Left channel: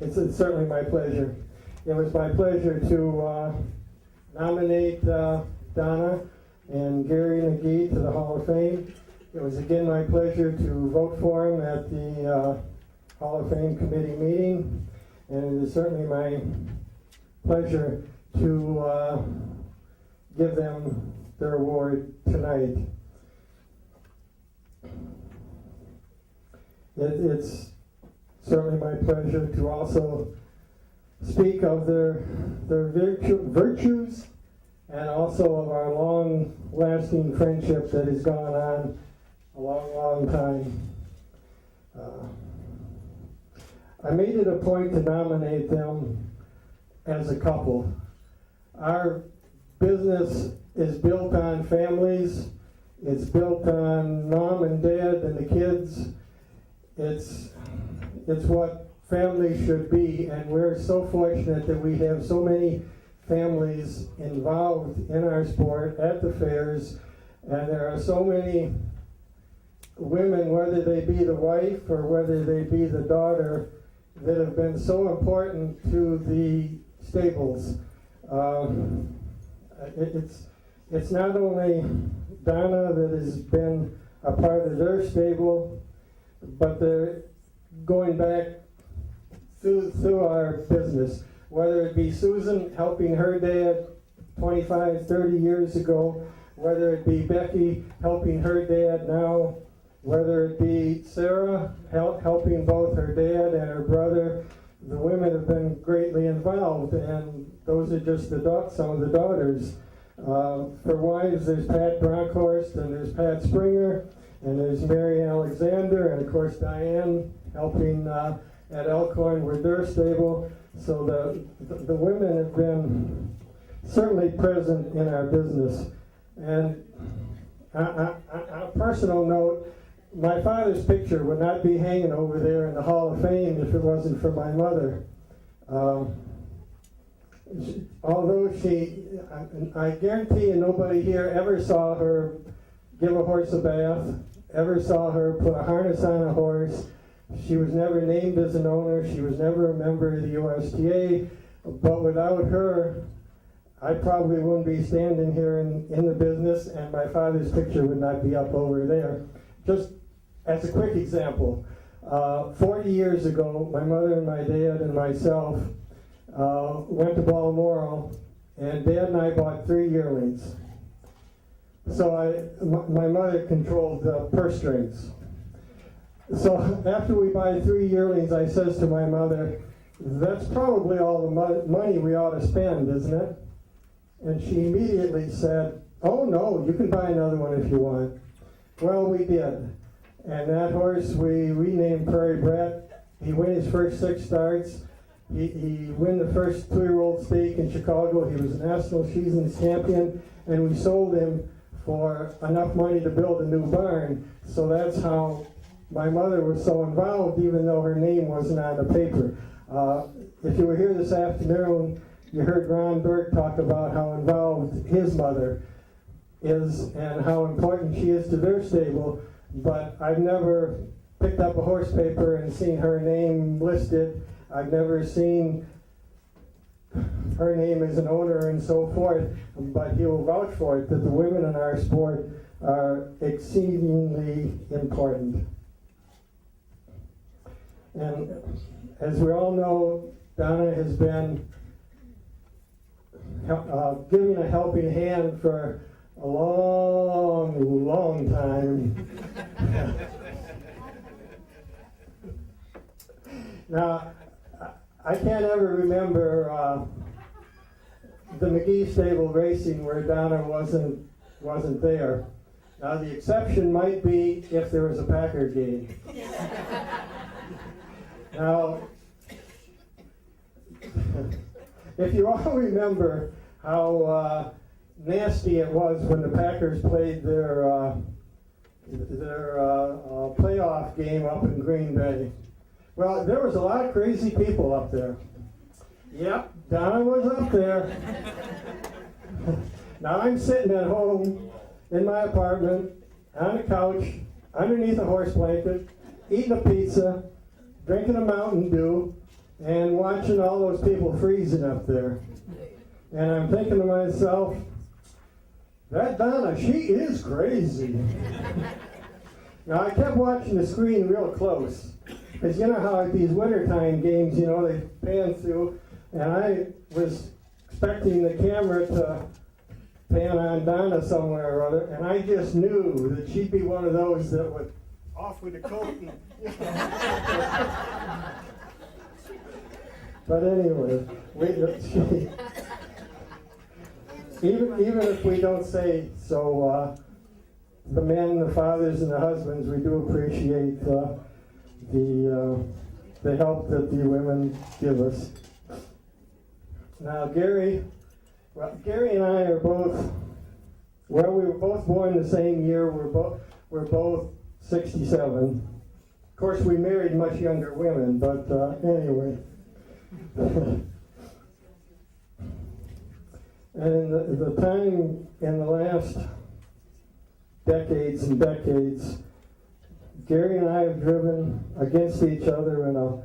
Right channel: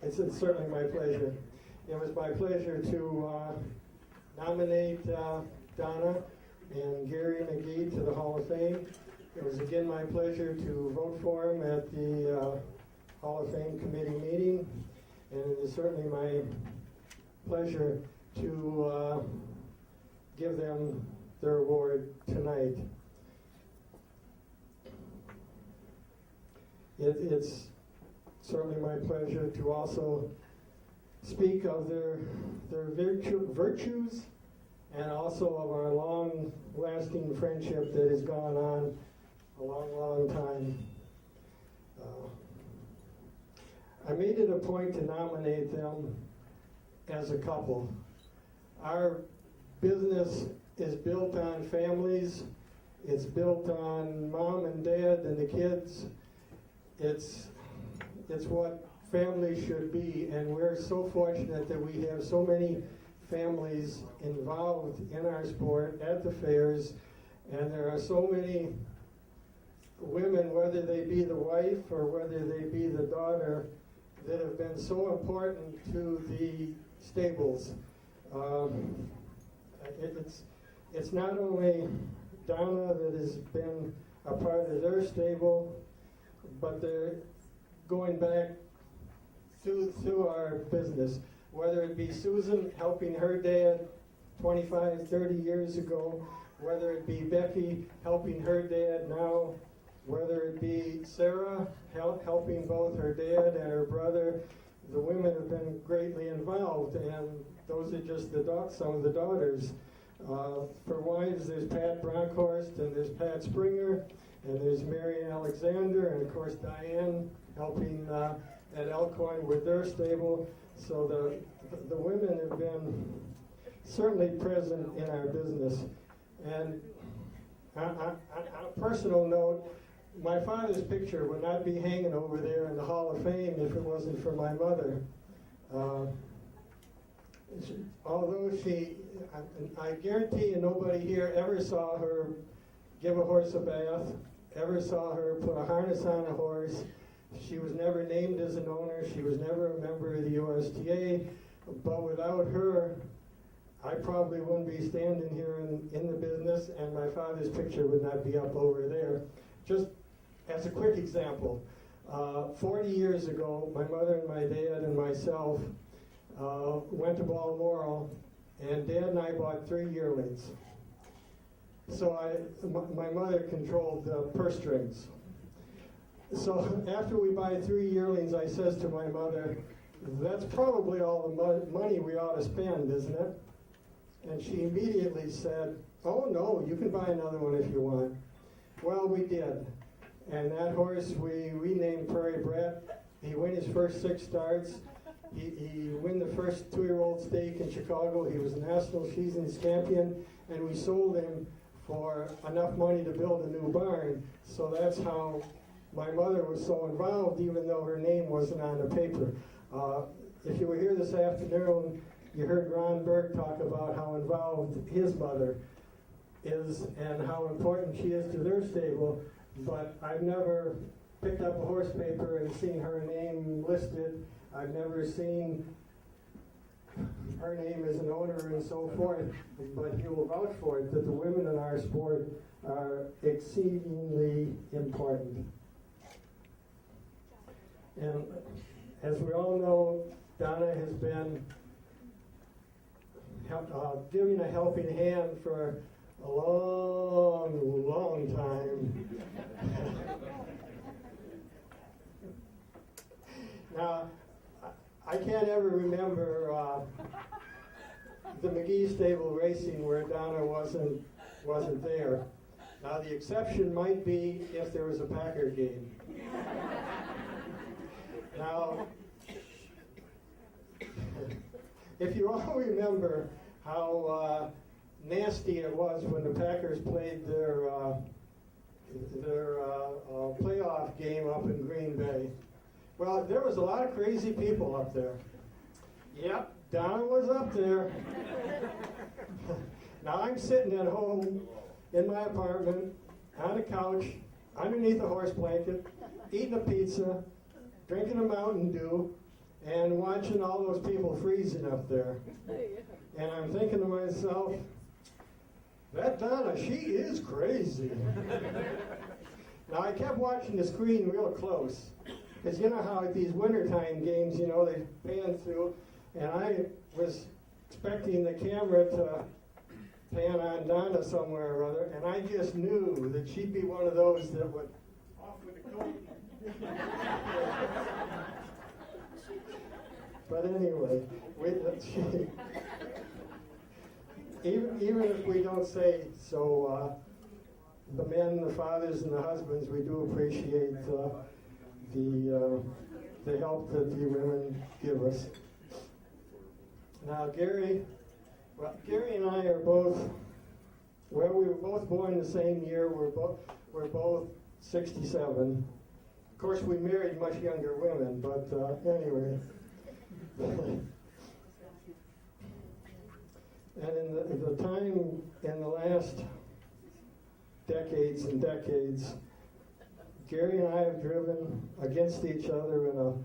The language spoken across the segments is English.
It's certainly my pleasure. It was my pleasure to nominate Donna and Gary Magee to the Hall of Fame. It was again my pleasure to vote for him at the Hall of Fame committee meeting, and it is certainly my pleasure to give them their award tonight. It's certainly my pleasure to also speak of their virtues and also of our long-lasting friendship that has gone on a long time. I made it a point to nominate them as a couple. Our business is built on families. It's built on mom and dad and the kids. It's what families should be, and we're so fortunate that we have so many families involved in our sport at the fairs, and there are so many women, whether they be the wife or whether they be the daughter, that have been so important to the stables. It's not only Donna that has been a part of their stable, but they're going back through our business, whether it be Susan helping her dad 25, 30 years ago, whether it be Becky helping her dad now, whether it be Sarah helping both her dad and her brother. The women have been greatly involved, and those are just some of the daughters. For wives, there's Pat Bronkhorst, and there's Pat Springer, and there's Mary Alexander, and of course Diane helping at Elkhorn with their stable. So the women have been certainly present in our business. And on a personal note, my father's picture would not be hanging over there in the Hall of Fame if it wasn't for my mother. Although I guarantee you nobody here ever saw her give a horse a bath, ever saw her put a harness on a horse. She was never named as an owner. She was never a member of the USTA. But without her, I probably wouldn't be standing here in the business, and my father's picture would not be up over there. Just as a quick example, 40 years ago, my mother and my dad and myself went to Balmoral, and Dad and I bought 3 yearlings. So my mother controlled the purse strings. So after we buy 3 yearlings, I says to my mother, "That's probably all the money we ought to spend, isn't it?" And she immediately said, "Oh no, you can buy another one if you want." Well, we did. And that horse we renamed Prairie Brat. He won his first 6 starts. He won the first 2-year-old stake in Chicago. He was a national seasons champion, and we sold him for enough money to build a new barn. So that's how my mother was so involved, even though her name wasn't on the paper. If you were here this afternoon, you heard Ron Burke talk about how involved his mother is and how important she is to their stable, but I've never picked up a horse paper and seen her name listed. I've never seen her name as an owner and so forth, but he will vouch for it that the women in our sport are exceedingly important. And as we all know, Donna has been giving a helping hand for a long time. Now, I can't ever remember the Magee stable racing where Donna wasn't there. Now, the exception might be if there was a Packer game. Now, if you all remember how nasty it was when the Packers played their playoff game up in Green Bay. Well, there was a lot of crazy people up there. Yep, Donna was up there. Now I'm sitting at home in my apartment on a couch underneath a horse blanket, eating a pizza, drinking a Mountain Dew, and watching all those people freezing up there. And I'm thinking to myself, that Donna, she is crazy. Now, I kept watching the screen real close, because you know how at these wintertime games, you know, they pan through, and I was expecting the camera to pan on Donna somewhere or other, and I just knew that she'd be one of those that would off with the coat. But anyway, even if we don't say so, the men, the fathers, and the husbands, we do appreciate the help that the women give us. Now, Gary and I are both, well, we were both born the same year. We're both 67. Of course, we married much younger women, but anyway. And in the time, in the last decades and decades, Gary and I have driven against each other in a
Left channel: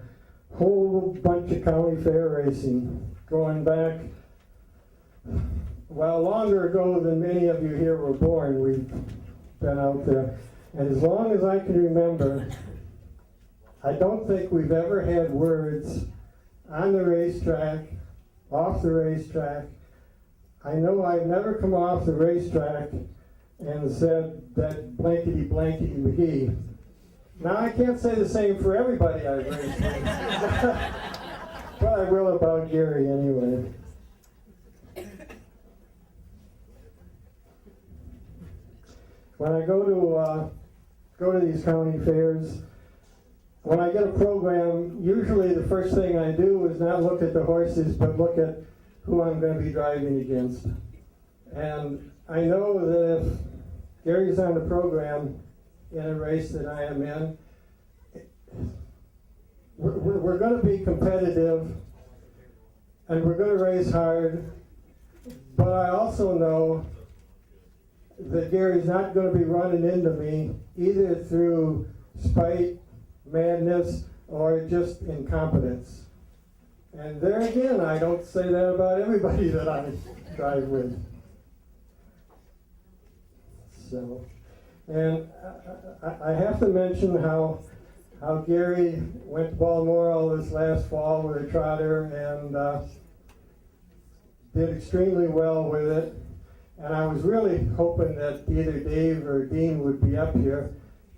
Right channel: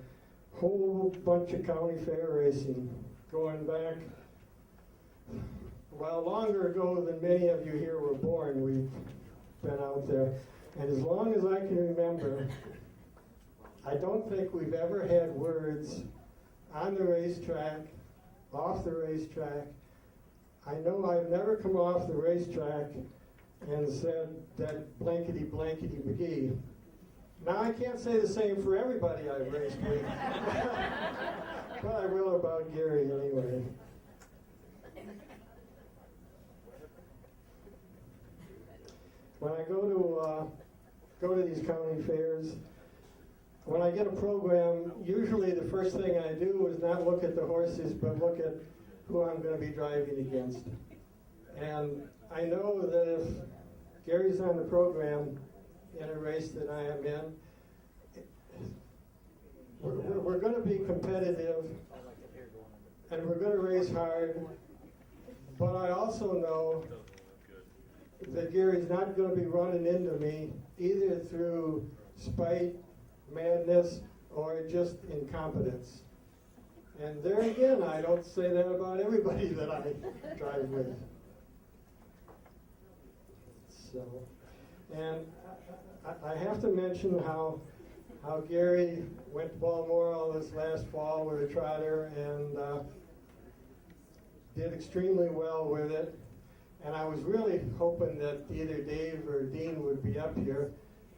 whole bunch of county fair racing, going back, well, longer ago than many of you here were born. We've been out there. And as long as I can remember, I don't think we've ever had words on the racetrack, off the racetrack. I know I've never come off the racetrack and said that blankety blankety Magee. Now I can't say the same for everybody I've raced with, but I will about Gary anyway. When I go to these county fairs, when I get a program, usually the first thing I do is not look at the horses, but look at who I'm going to be driving against. And I know that if Gary's on the program in a race that I am in, we're going to be competitive, and we're going to race hard, but I also know that Gary's not going to be running into me either through spite, madness, or just incompetence. And there again, I don't say that about everybody that I drive with. So, and I have to mention how Gary went to Balmoral this last fall with a trotter and did extremely well with it. And I was really hoping that either Dave or Dean would be up here,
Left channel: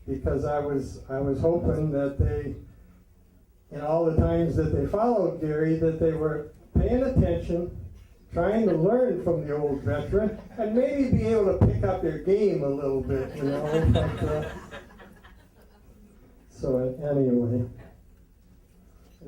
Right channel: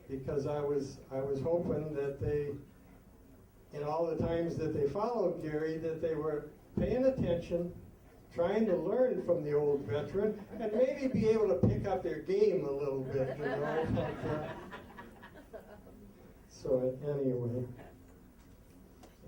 because I was hoping that they, in all the times that they followed Gary, that they were paying attention, trying to learn from the old veteran, and maybe be able to pick up their game a little bit, you know. So anyway.